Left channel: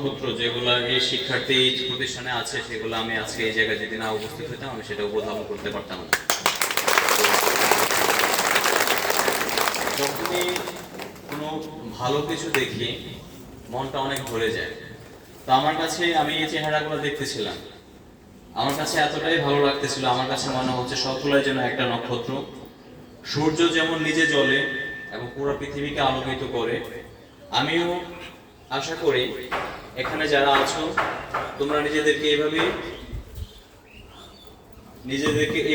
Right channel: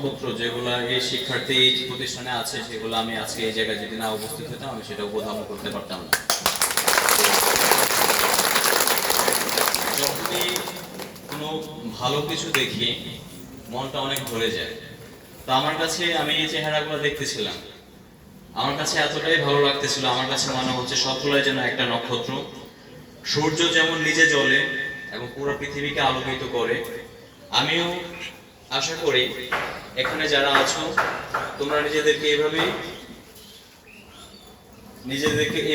নক্ষত্র যেগুলো এই শিক্ষার্থী প্রতিষ্ঠানে আছে, সেগুলো আমি আজকে এই জায়গায় যদি না উপস্থিত হতাম আমি সেটা উপধাবন করতে পারতাম না। যখনই কোনো ভালো কিছু দেখি মনটা অনেক ভরে যায়। তো আমার কাছে আমি এই চেহারাগুলো দেখতেছিলাম, আমার কাছে এতটাই ভালো লাগতেছিল, আমার কাছে মনে হচ্ছে সবগুলোই যেন একটা নক্ষত্র। সূর্য যেমন নিজে জ্বলে এবং পুরো পৃথিবীকে আলোকিত করে, আমিও আশা করি এখানে যারা আছো তোমরা নিজেদেরকে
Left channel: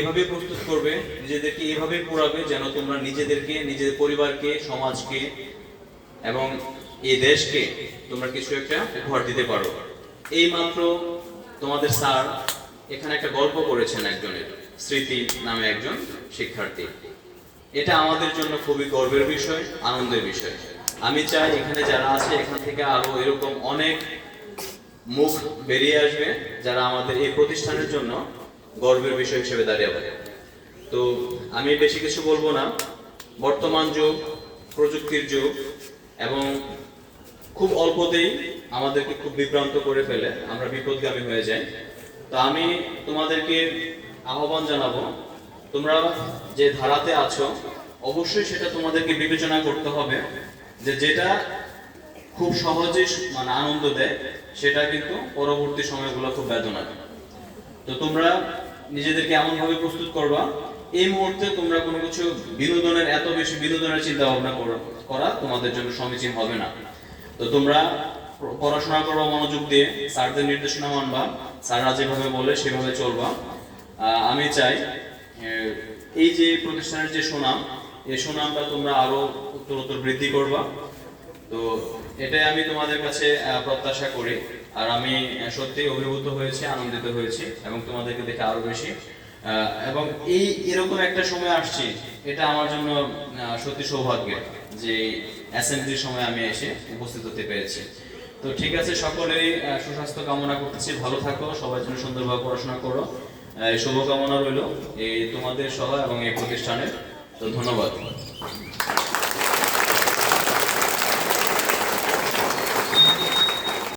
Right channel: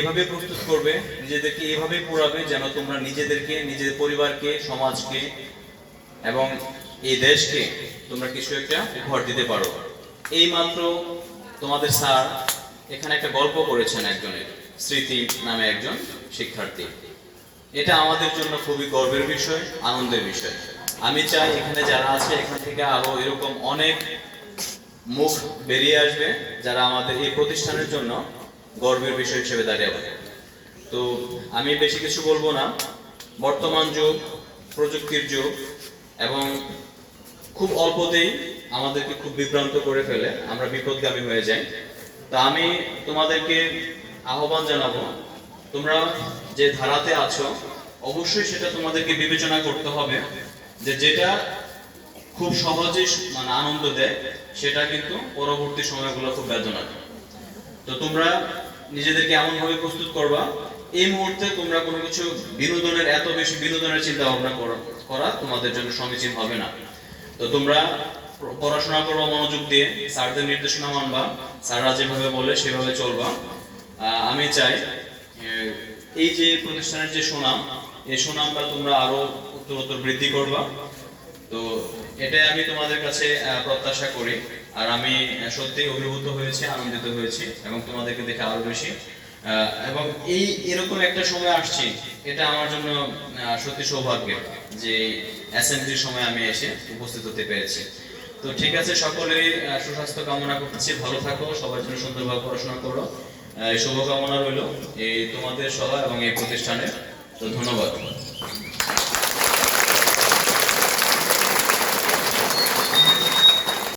এভাবে প্রস্তুত করবে, নিজেদেরকে এভাবে পড়াবে যেন তোমরা নিজেদেরকে, নিজের পরিবারকে, সমাজকে এবং এই দেশকে তোমরা কিছু একটা উপহার দিতে পারো। এই মাত্র তোমাদের স্যার এখানে একটা গল্প করেছেন একজনের, স্মৃতি নামে একজন শিক্ষার্থী। এটা আমাদের জন্য খুবই গর্বের বিষয়, আনন্দের বিষয়। আমি চাই এখানে যারা আছে এখান থেকে আরো এরকম অনেক মুখ বেরিয়ে আসবে যারা আমাদের এই প্রতিষ্ঠানের জন্য গর্বের বিষয় হিসেবে দাঁড়িয়ে যাবে। তো আমি বেশি কিছু বলবো না। বর্তমান যুগ প্রযুক্তির যুগ এবং খুব অল্পতেই আমাদেরকে খুব বিভ্রান্ত করে ফেলে, আমরা বিপদগামী হয়ে যাই। তা আমি তোমাদেরকে আহ্বান জানাবো, তোমরা যে ধারাতে আছো অবশ্যই সেটা তোমাদেরকে বিবেচনা করতে হবে যে যেটা খুব সহজেই মানে আনন্দ দেয় সেটা কিন্তু পরবর্তী সময়গুলো খুব বেদনা দেয়। তো তোমরা নিজেদেরকে এমনভাবে প্রস্তুত করবা এই মুহূর্তে তোমরা কোনো কিছু বিনোদনের, এত বেশি বিনোদনের চিন্তা ভাবনা করা তোমাদের জন্য সমীচীন হবে না। তো তোমরা পড়াশোনা করবা মনোযোগ দিয়ে, স্যারদের নির্দেশনা মানবা, স্যাররা যেভাবে বলে সেভাবে চলবা। আমি চাই এই যে প্রতিষ্ঠানের যে সুনাম, এই সুনামটা তোমরা আরো উত্তরোত্তর বৃদ্ধি করবা। তো এটাই আমি তোমাদের কাছে প্রত্যাশা করি। আর আমি সত্যি অভিভূত হয়েছি, আনন্দিত হয়েছি এবং তোমাদেরকে দেখে আরো বেশি। এবং এরকম একটা সময় আসছি, এটা আমার জন্য সত্যি সৌভাগ্যের যে অ্যাসেম্বলির সময় আমি এসে উপস্থিত হতে পেরেছি। তো ঠিক আছে, সকলেই সুস্বাস্থ্য কামনা করতেছি, ভালো থাকো, সবার জন্য সুন্দরভাবে পড়াশোনা করো, শুভকামনা রইল এই তোমাদের সভা এবং এই প্রতিষ্ঠানের। তো ধন্যবাদ।